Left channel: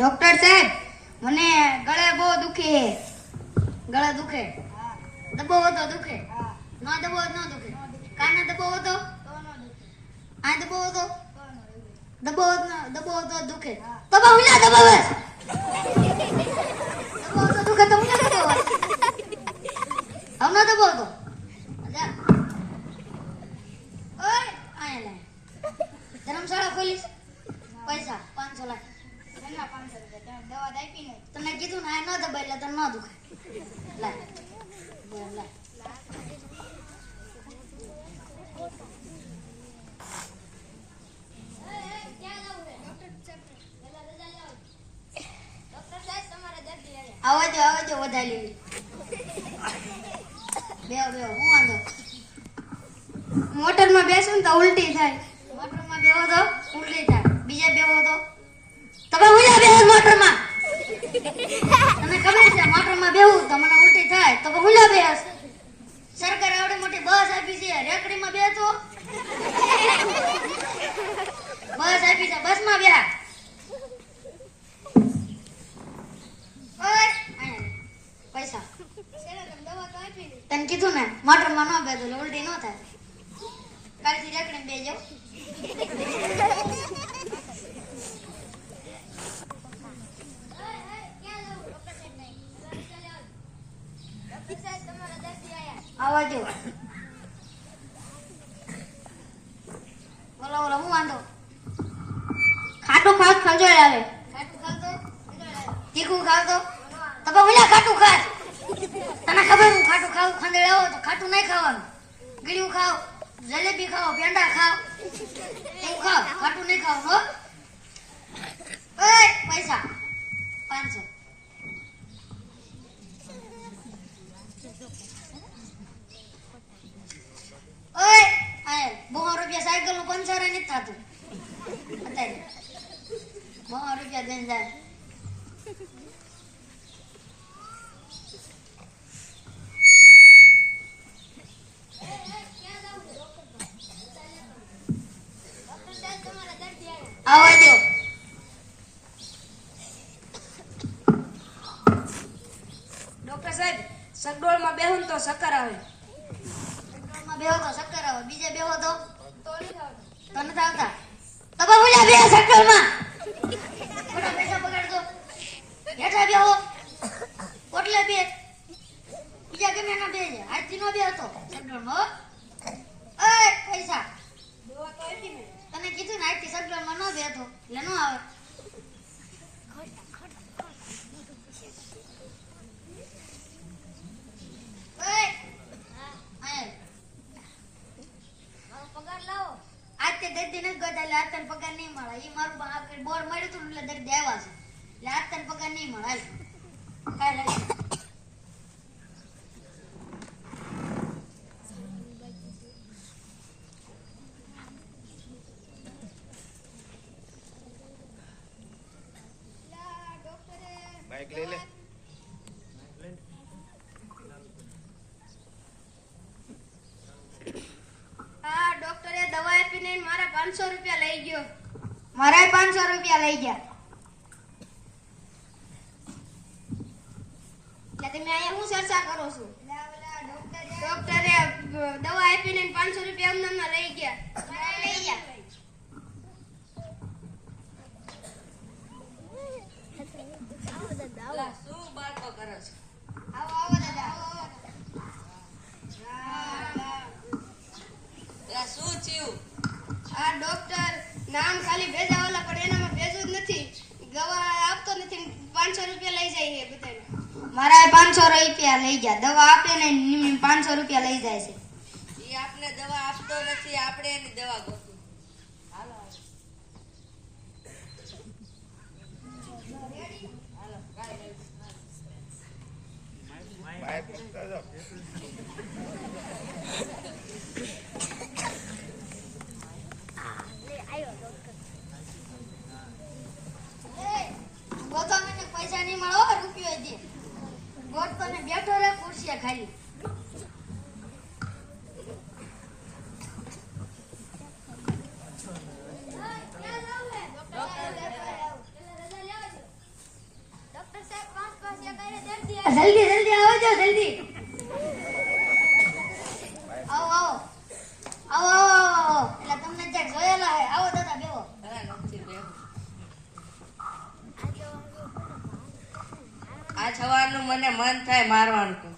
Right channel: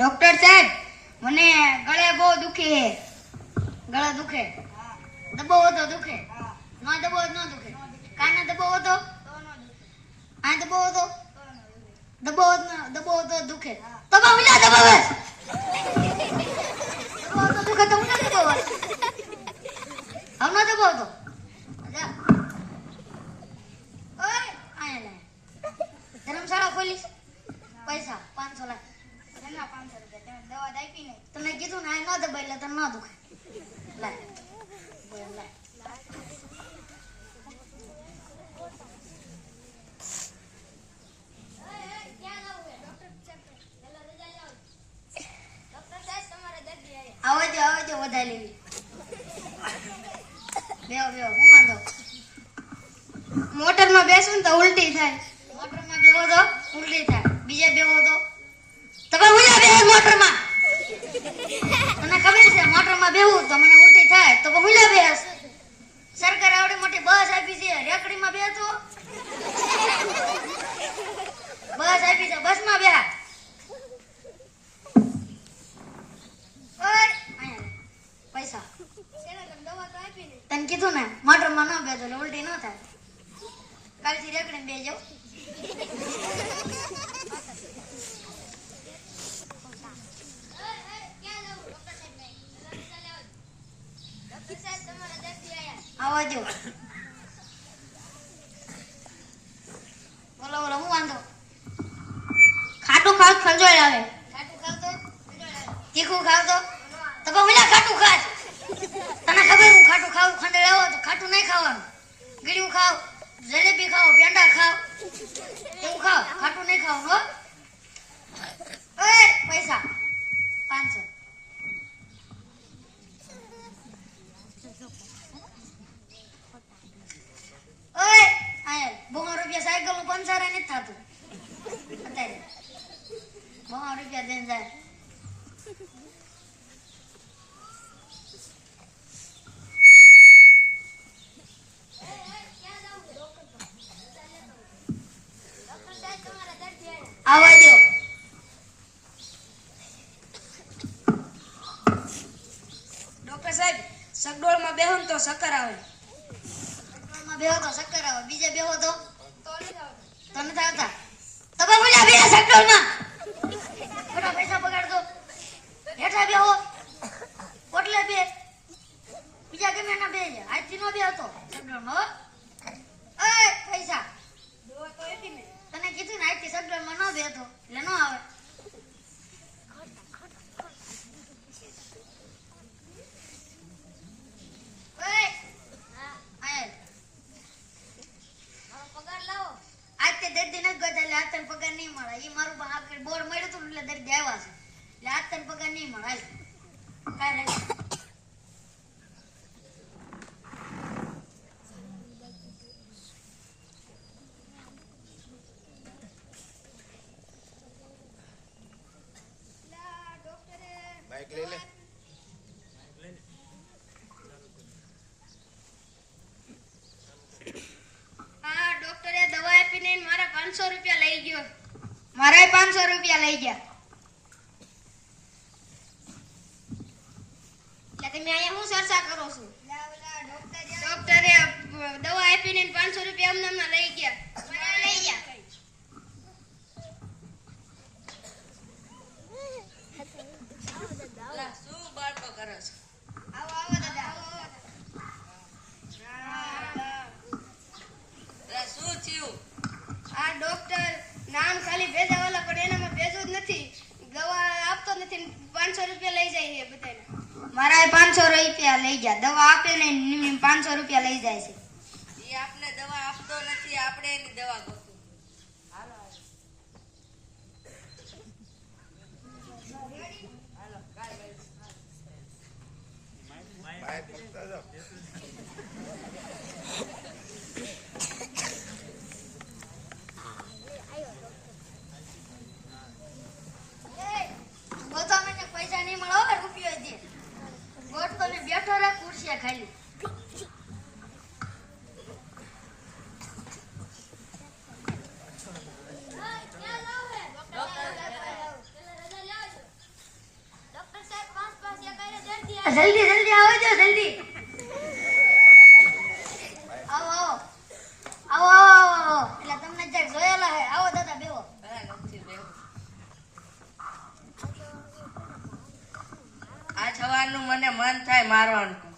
Doctor સાહેબ, મને ગળે બહુ દુખે છે. ગળા દુખે. દબો હતો, દુખે. ન દબો ન દુખે. કાને દબો હતો? આ દબો હતો? દબો દબો હતો દુખે. તો બા ઉલા દબો બસ દબો હતો દુખે તો ઉલા દબો બસ હમ દબો હતો જા ઓય આયા લે ધર્મશાળા ખોલીશ પૈસા પાંચસો લાખ તને કીધું ને ન દબાય એટલે તને ન દુખાય. લાય બોલ દે વધારે બેવ બેહો હું વાંધો? મોટરમાં બેસું ને તો ઉલટી થાય. મોટરમાં બેહો તો ઉલટી થાય. બીજે બેહો તો. તમે બેહો મોટરમાં. તને ખબર છે, મોટરમાં બેહું તો મને ઉલટી થાય. તો ઉલ્યા બેસ સરકારે આવડી મોટી બસ આપી છે, રેકડીમાં બેસો બસ આપી છે, બસમાં બેહા. પૈસા. તને કીધું ને, મોટરમાં ન બેસો ઉલટી ન થાય. કાલથી રેકડીમાં બે આવા જો બોલો બોલો, હું વાંધો? ખાટું ખાવ આવે. તીખું ખાવ તો? તો બહુ ખાટું ખાય. તને ખબર હું ખાટું ખાવ ખાંડે આવો તો ખાટું નહીં ખાવાનું. ગળ્યું ખાવ, જલેબી ખાવ પેંડા ખાવ. એવું ખાવ, ખાટું નહીં ખાવાનું હો ઓય પૈસા પાંચસો ઓય આય બોમાં રૂપિયા સાયકલનું પંચર નથી થતું. અત્યારે. બહુ રૂપિયા દઈને જાય. આવવા દો. ડોક્ટર સાહેબ સગડોળમાં બેહો ને તો શક્કર આવે. પેટ્રોલમાં બેહો તો શક્કર આવે. બીજે બેહો તો. તો જાણતા? આવતા તો બા બોલ્યા બે સેક્ટરમાં બધા પૈસા બગાડતો હેઠા બેહો કોટલે બે. બીજા ગમે એના બે છે. આજથી નો બે હતો. સેક્ટરમાં હો. ઓય પૈસા. તને કીધું ને આજથી સેક્ટરમાં ન બે હતો. એટલે ન આવે. તે દર્દી નથી ગયો એટલે આજ તને પગાર નહીં મળે. એ મારું બોર મળ્યું હતું એટલે દર્દી આવ્યા છે. એટલે આજ પગાર નહીં મળે. હાલ કાંઈ રહે બાઈક લઈ લે હા ડોક્ટરે દવા આપીને મારા પાંચસો રૂપિયા લઈ ગયો. મારા પાંચસો રૂપિયા લઈ ગયા. તમે અહીંયા શું ચર્ચા કરો છો? ડોક્ટરે દવા આપીને પાંચસો રૂપિયા અમને લઈ ગયા લઈ ગયા અલા, શું બાળકો કરે છે આવો આવો દાદા આવો અલા, શું થયું આ ડોક્ટર નામ ખાલી ભેજાવાલા પણ એનામાં ભેજું જ નથી દવા આપતો નથી પાંચસો રૂપિયા લઈ જાય છે બધાને મારા પાંચસો રૂપિયા લઈ ગયા દવા આપે ને પાંચસો રૂપિયા લઈ જાય છે એ આપને દવા આપતો નથી આપણે એની દવા ગોતું હાલો હાલો કાંઈ નહીં. બાઈક મૂકતા જાઓ ગોતાને પૈસા નહીં મળો રૂપિયો દે ગોત તો ને બેઠો ખાલી. જલ્દી જલ્દી જલ્દી. આવો આવો. આવો આવો એટલે તમને ક્યાંક જોયેલા હે આવો દાદા, બેહું. આ જવાનું મને મન થાય મારવાનું.